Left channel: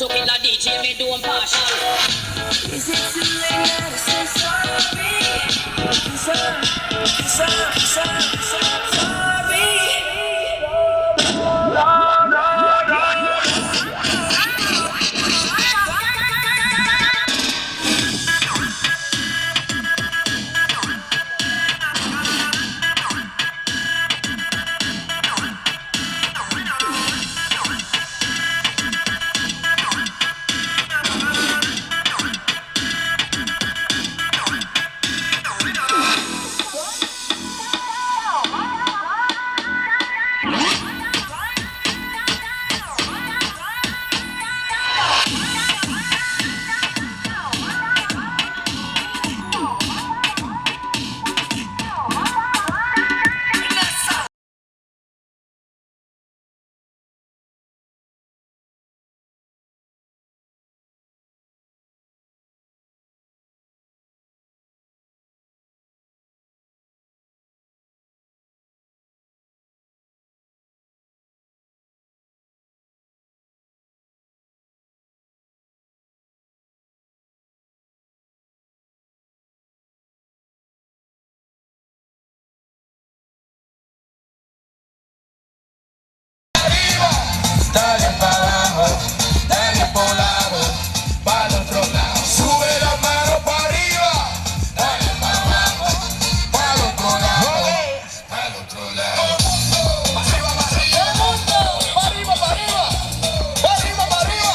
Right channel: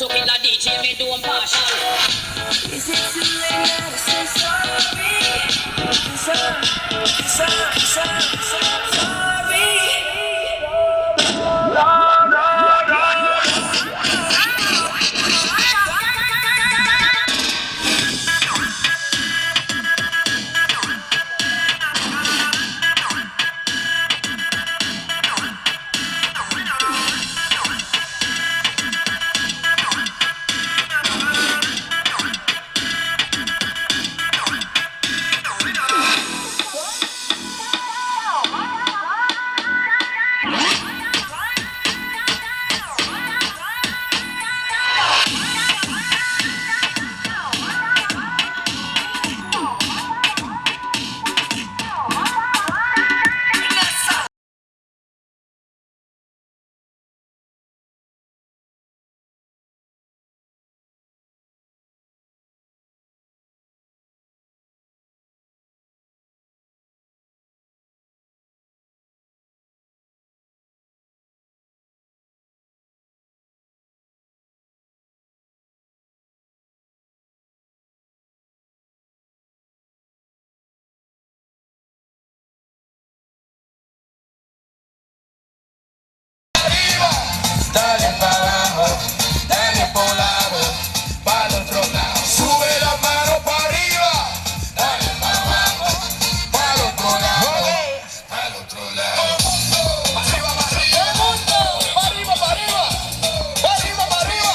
To kill a DJ, me do partial. Is it too late now to say sorry? Sorry. Dale pa' abajo, dale por un lado, pa' el otro lado. Sube la mano pa' arriba, dale pa' abajo, pa' el otro lado, pa' el otro lado. Pa' arriba, pa' arriba, pa' arriba, pa' arriba, pa' arriba, pa' arriba.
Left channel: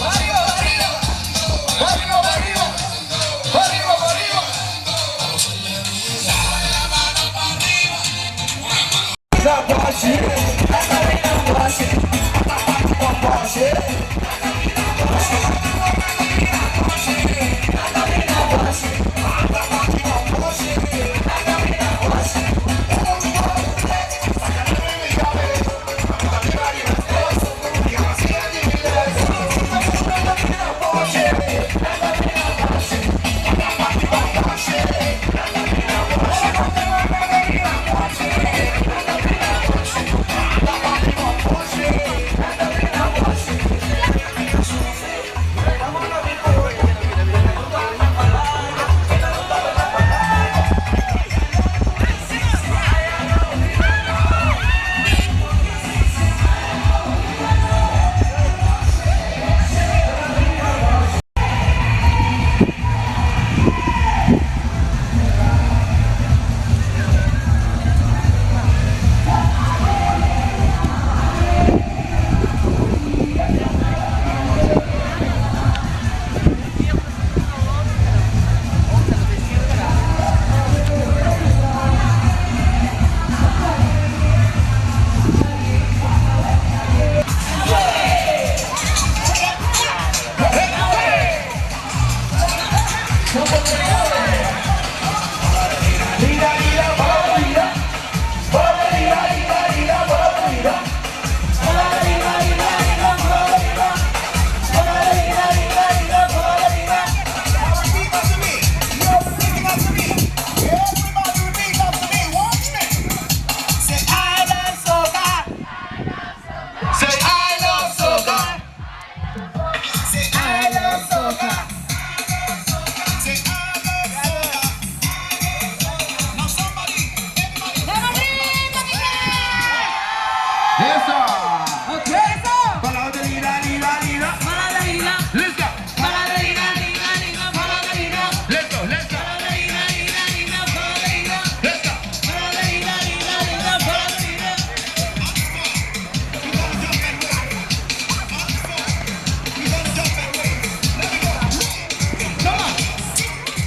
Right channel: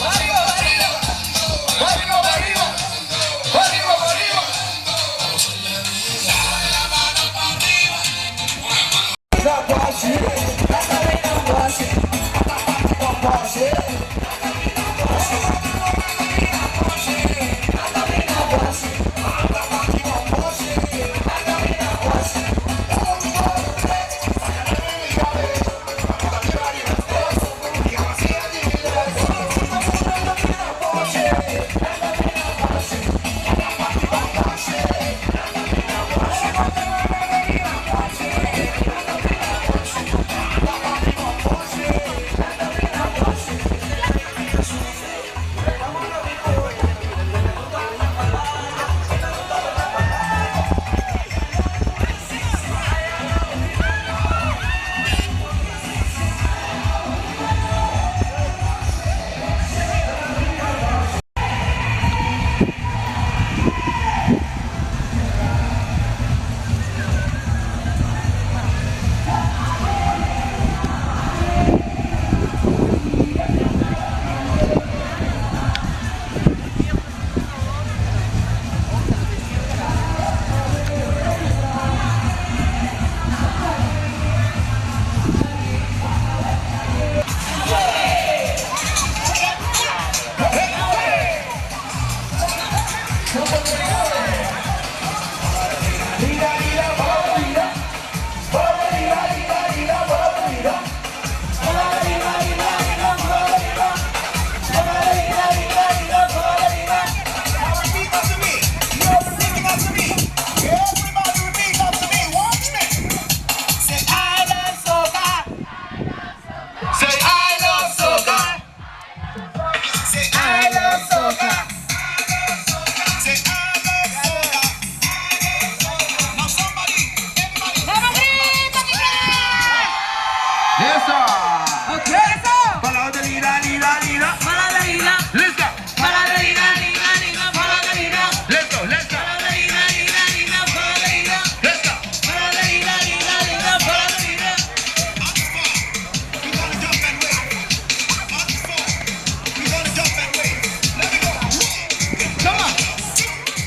Pa' arriba, pa' arriba, pa' arriba, pa' arriba, pa' arriba, pa' arriba. Sube la mano pa' arriba, una mano.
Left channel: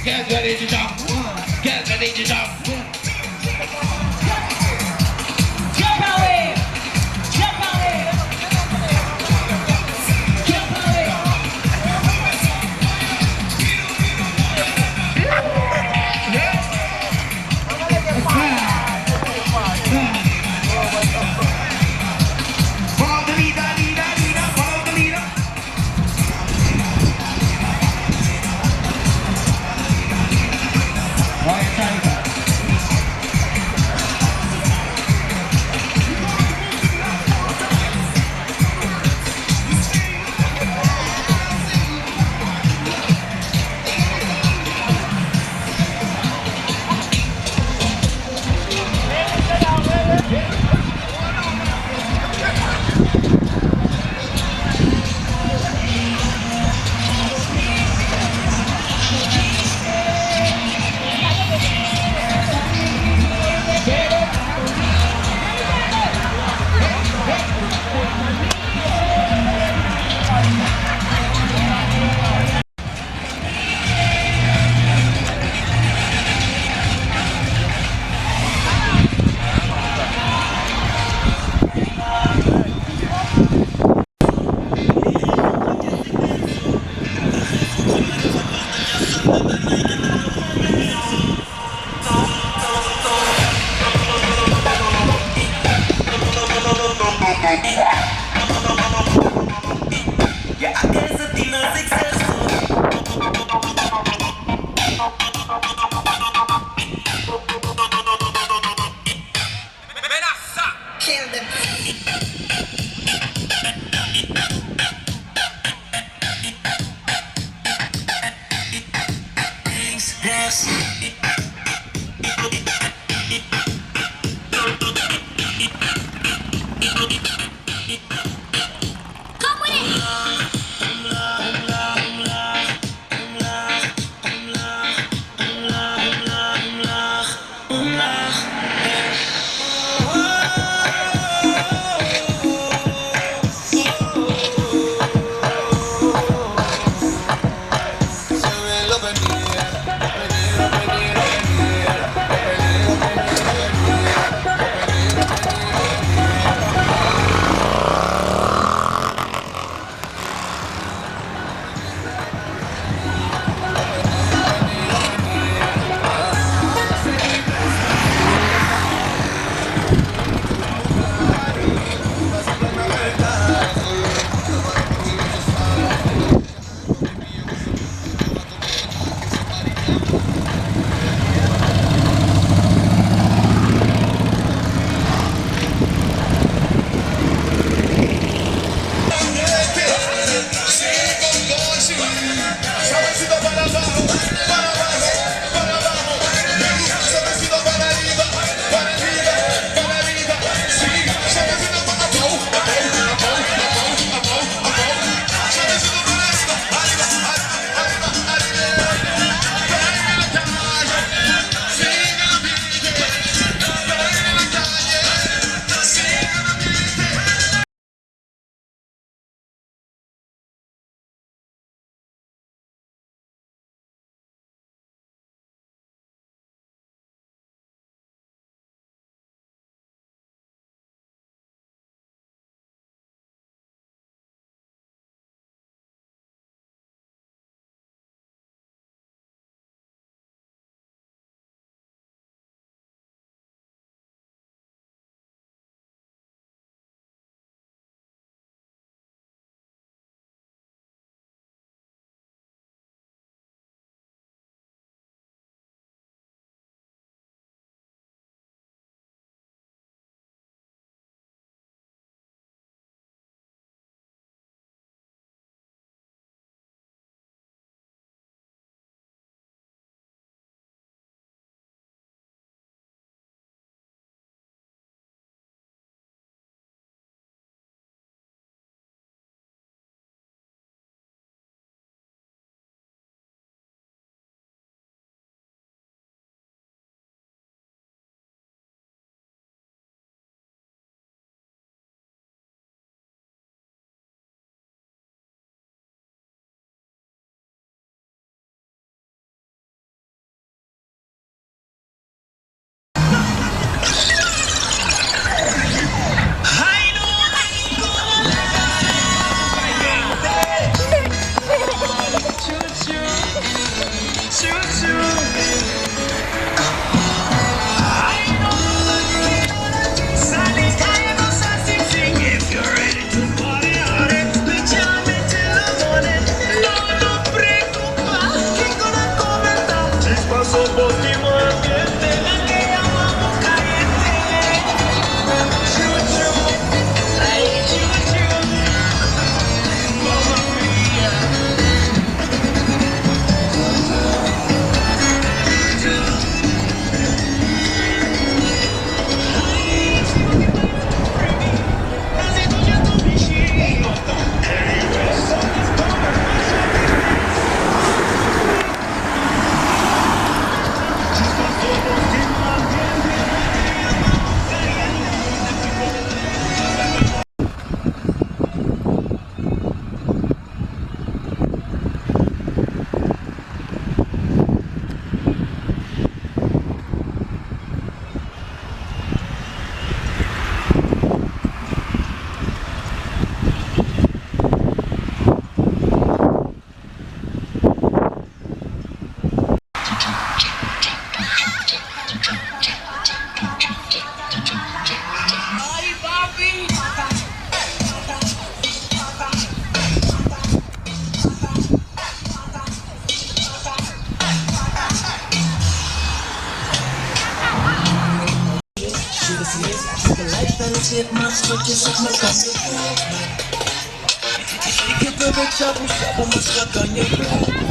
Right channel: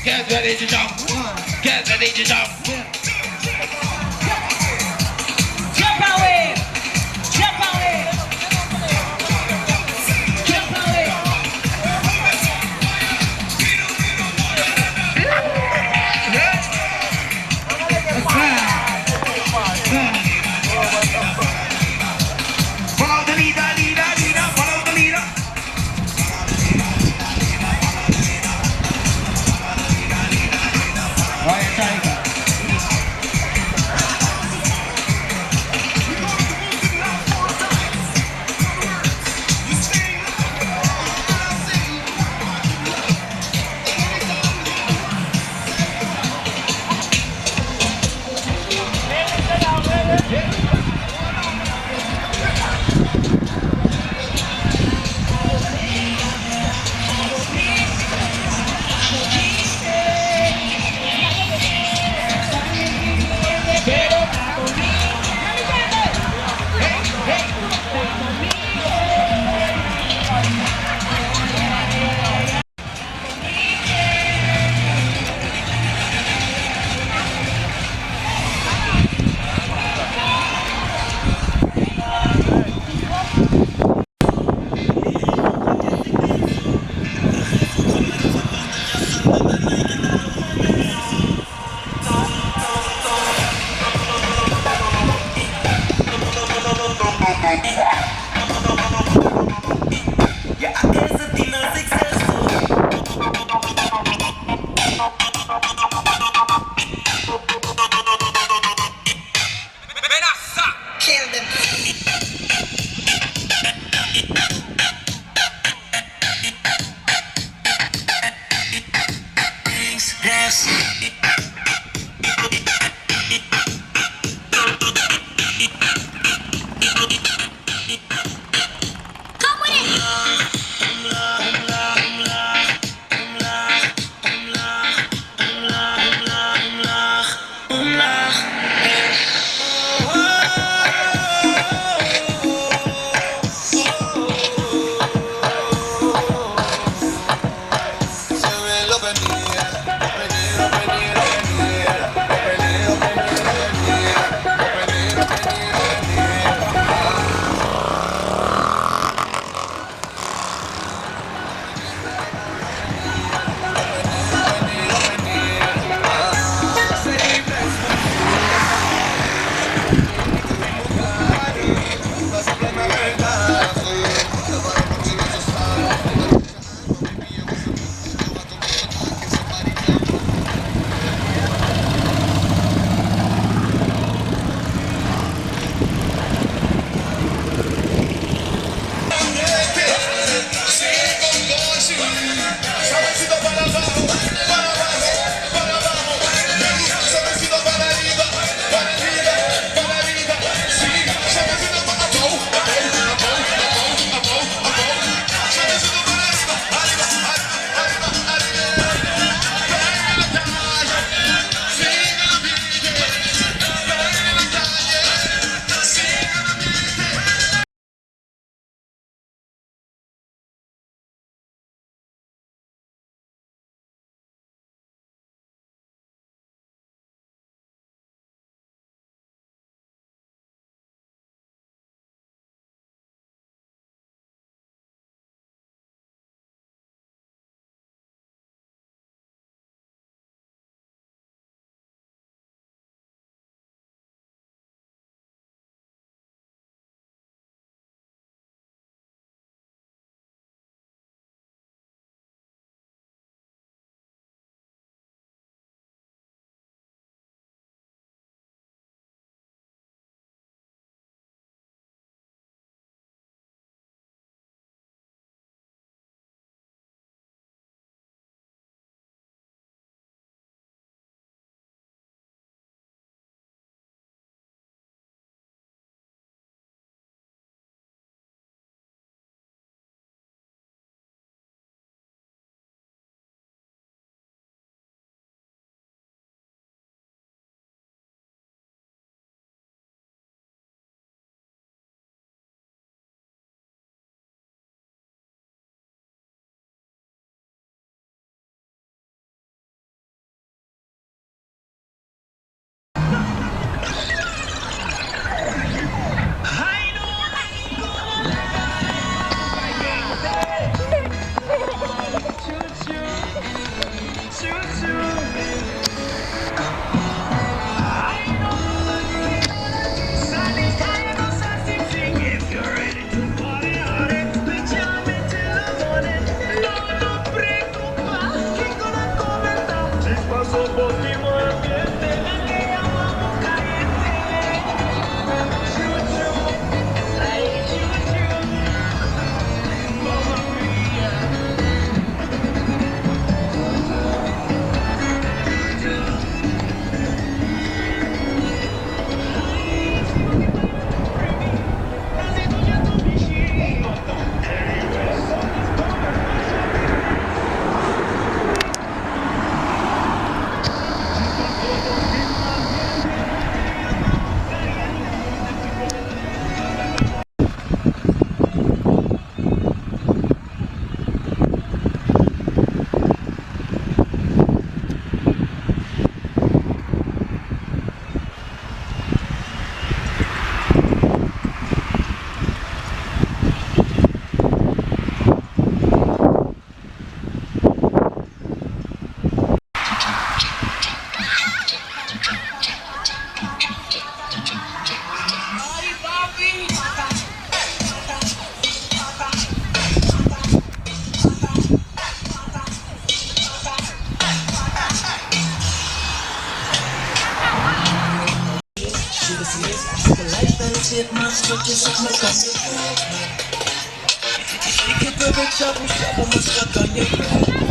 Get ready to jump. Get ready to jump. Jump away. Jump away. Jump away. Follow the leader, leader, leader, follow the leader. Right, not successful. Kill them. Yes. Come with it. Sit my switches up my gun. Shake it, baby, trouble, trouble, my stuck on your blood.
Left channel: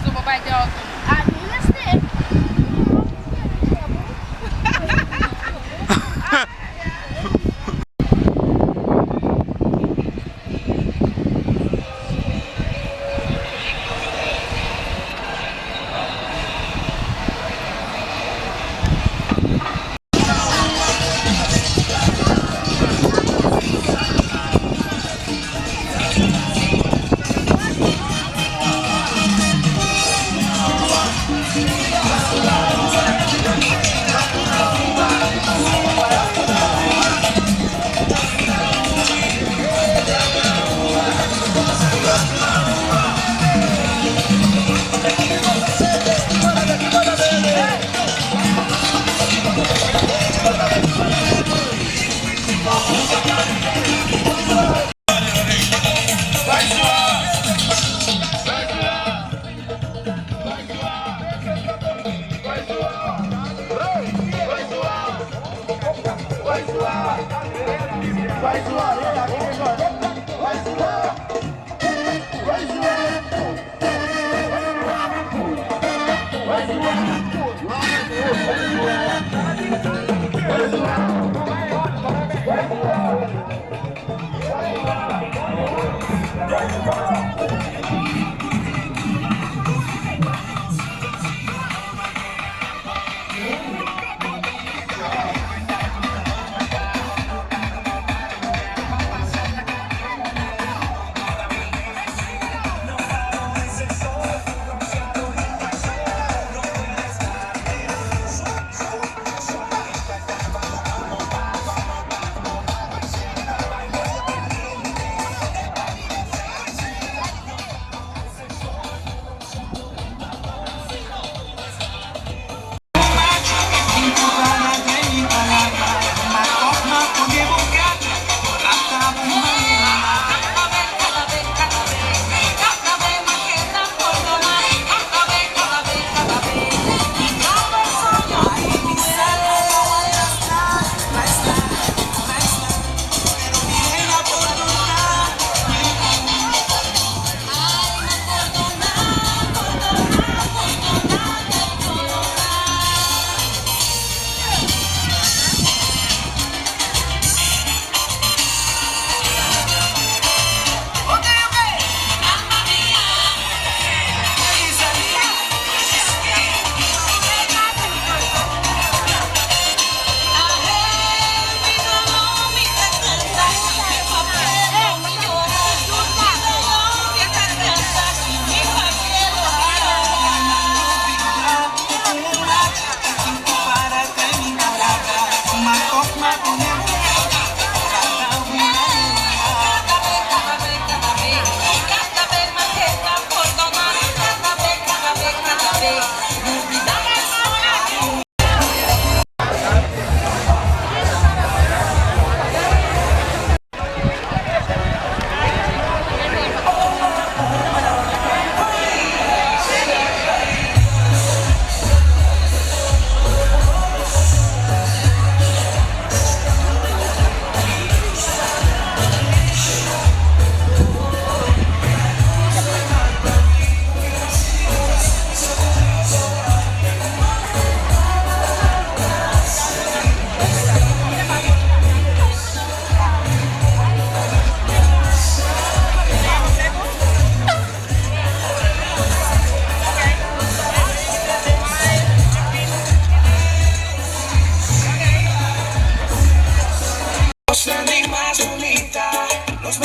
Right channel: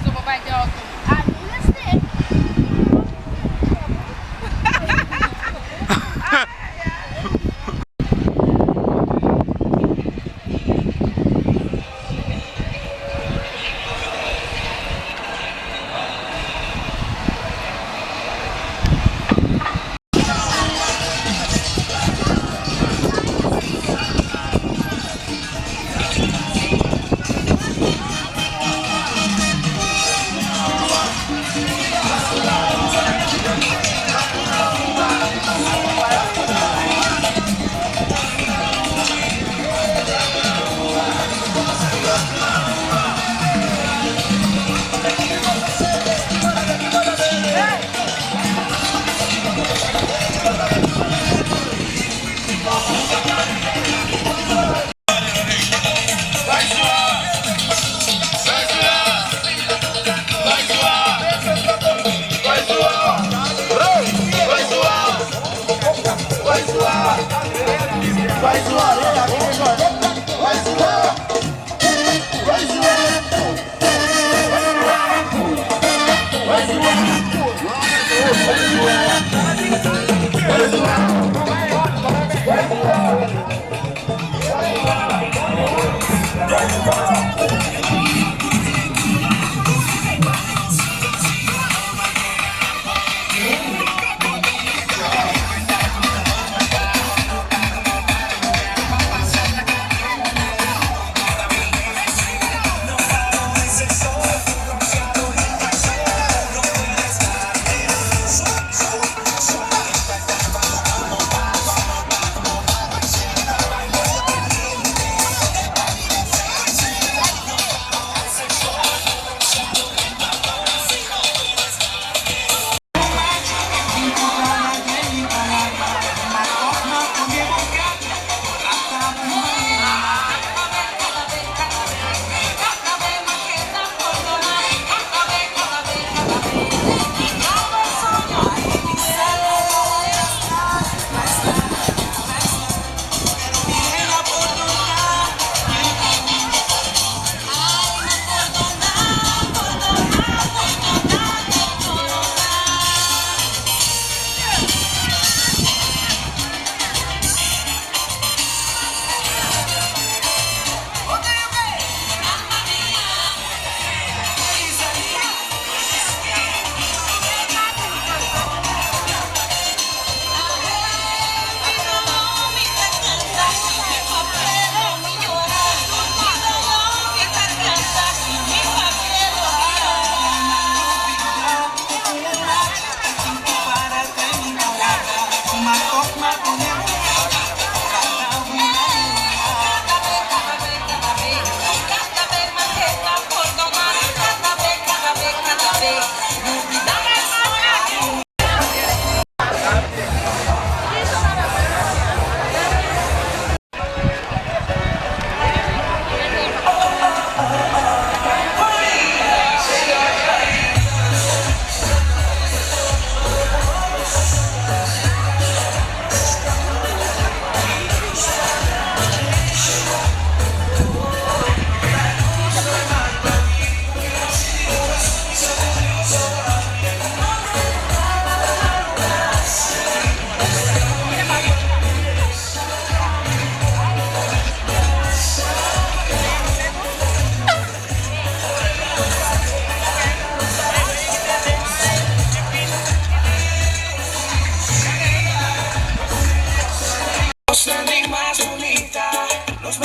Sumabay daw ako.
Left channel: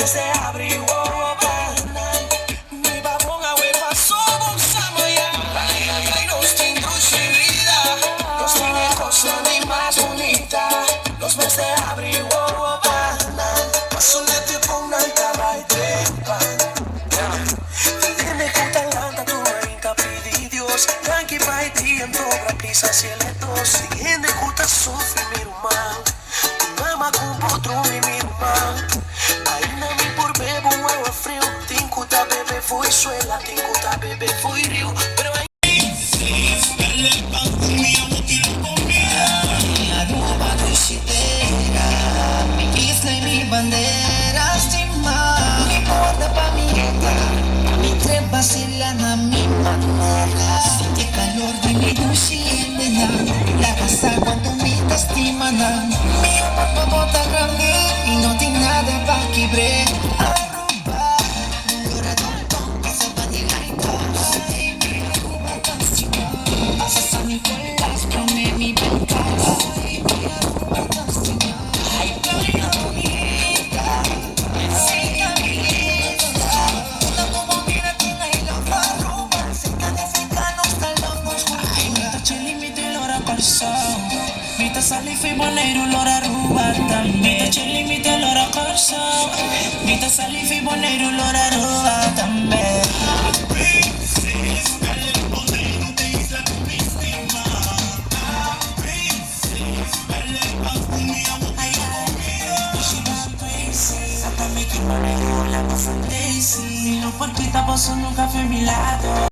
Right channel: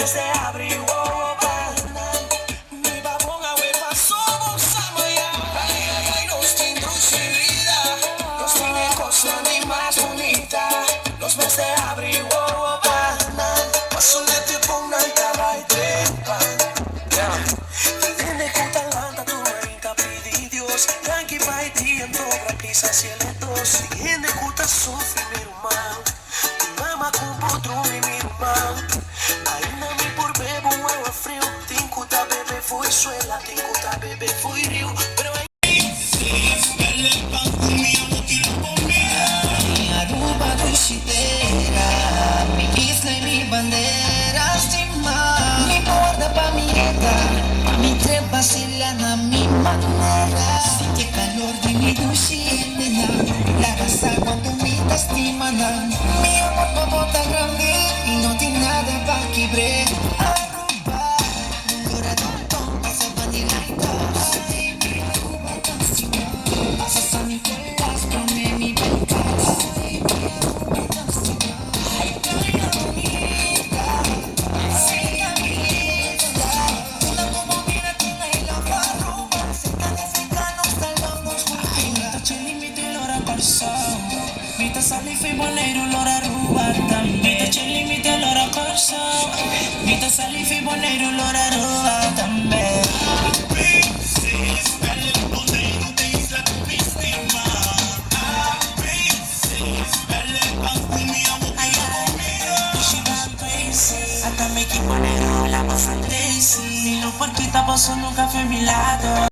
mes de abril, oh, banal. Mi babón a ver pasó, bolsamos ya. Ay, ay, ay, nos tiene dulce vida. Nos tiene cosa ni más bonita. Los meses de abril, oh, banal. Paso de te ponga el caballo de pan. Tiene kutalanta tu rinca pidi Dios. Tranqui pai tiempo prisa cieletos. Tiene kuta sufri mi rumán. Mama com potro mi rumán. Ainda me por bebo agua frio. Tinkuta bebé foi suela. Tinkuta bebé foi rio. Pero aí mi Aruba dulcitera, mi isla y mi bandera, estima, mi borda pa' mi eta, pa' mi tres vacilana, mi manera, siente calor de mi dulcinena, la casa cuando mi testimana, mi amor pa' bota grande, y no tiene nada pa' quebre, Aruba, lora don pasa vanilla y tos, ay, mi Aruba canción, pasas a mi colas, come mi balcón. Mita salifi boneiro lora ruba também. Mita chili mita lora corso. Mita salifi boneiro lora ruba também. Hasta me equipo negro la más Daisy. Mi no porquita pasó nunca fue mi lado.